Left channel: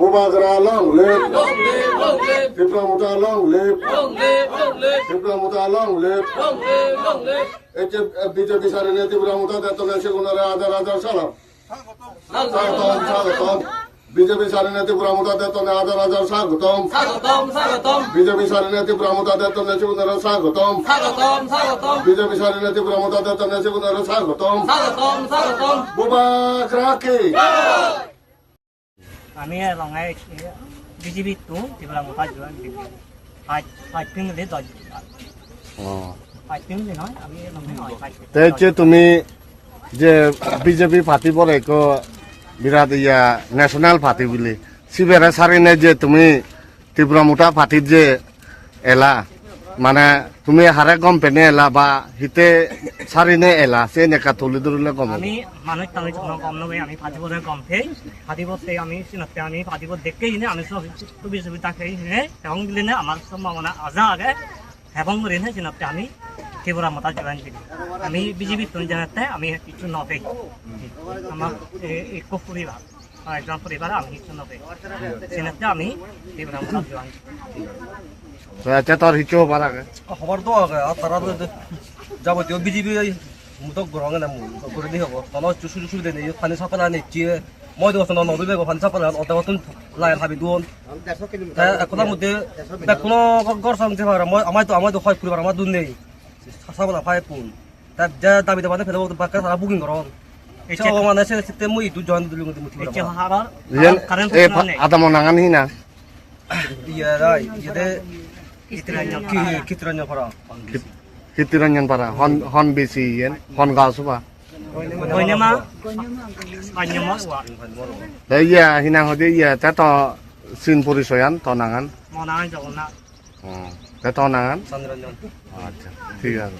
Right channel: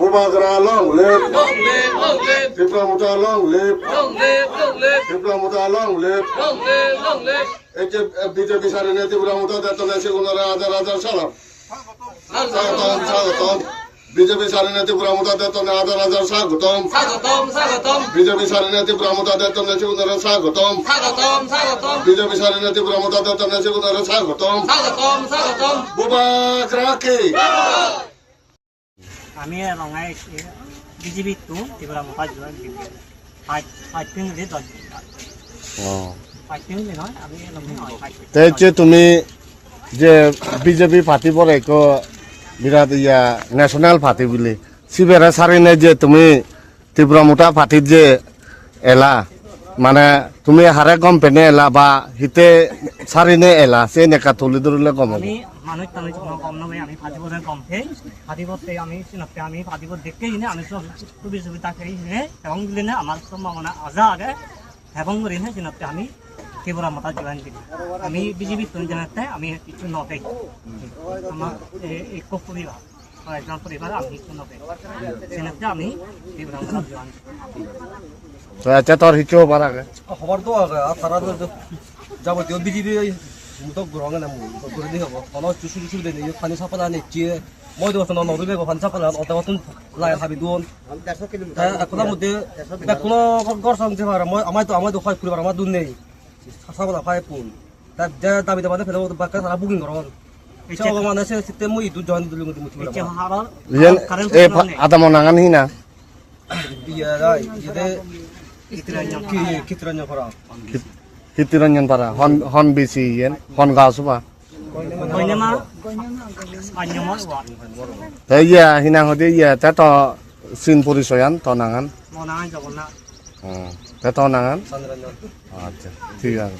Bubagra long live. Long live, long live. Diplomata long live. Long live, long live. Diplomata long live. Long live, long live. BJP সারিনে diplomata দেতনে সেগুনরে হাজার হাজার সালাম। স্বাগতম স্বাগতম। BJP সারিনে diplomata দেতনে হাজার হাজার স্বাগতম। স্বাগতম, স্বাগতম। BJP সারিনে diplomata দেতনে সেগুনরে স্বাগতম। স্বাগতম, স্বাগতম। BJP সারিনে diplomata দেতনে সেগুনরে স্বাগতম। স্বাগতম, স্বাগতম। Bubagra কি? আমি রঙাই বিজেপি তো ত্রিপুরা মোটা জোয়ান পাঁচদিন ধরে 10 দিন পাঁচদিন দিন হয় আমি যে তুমি যে বিজেপি পার্টি পরে বিরাট ইয়া ন্যাশনাল পার্টি বলে সিবেরা সারিনে যে তুমি ত্রিপুরা মোটা পার্টির যে এলা মানে তুমি হারে গম পেনে এলা বা হিতে সারিনে এলা সে নেকা তুলি ধরলে গম আমি মানুষ তামিল কম নবে আমি ফাটিবলে কম ফেই ফাটিবতে আমি সিনতে আমি ফাটিব দেখেই নে আমি সব বিজেপি তাকেই নে এবং দিলে না আমার সম্ভাবনা আজা আগে এবং করে না সিনতে আমি ত্রিপুরা মোটা জোয়ান দিই আমি বিজেপি তো জানাতে আমি কিছু নবে আমার এক পরিবার একজন পরিবার আমি কিছু নবে সিনতে আমি ত্রিপুরা মোটা জোয়ান আচ্ছা তোর হিচো পারা খবর তো তারা যাবতীয় বিজেপি মুতক গ্রহণ না করে দিয়ে হবো তখন চুসু সুবিধা নেই ফানি সাপানা নিচ্ছি মই দেবো নদী বেগো ফানি সাপানা অত মতন লাই হাবি দুন এখনোর মধ্যে কোনো গড় সংতে পারে আমার তো হয় পরিবার আমার দুন নেই সাপানা ফাই পুন তার যা দাবি দেবানে ফেলে বাক্কা তারা বুকিং করন এই মানে সে সিস্টেম মই দু জন দুলি মধ্যে মুতি আদা মনাঙান হিনা ইয়া রাই ইয়া কিতরাnya para Kitiranyan para hon bisi yen hon gasupa Banyama Banyama wa iya hinang hodi iya tato sin purisoyan tonangan mau nangan jawab nak tato nangan sanranjan acha ঠিক আছে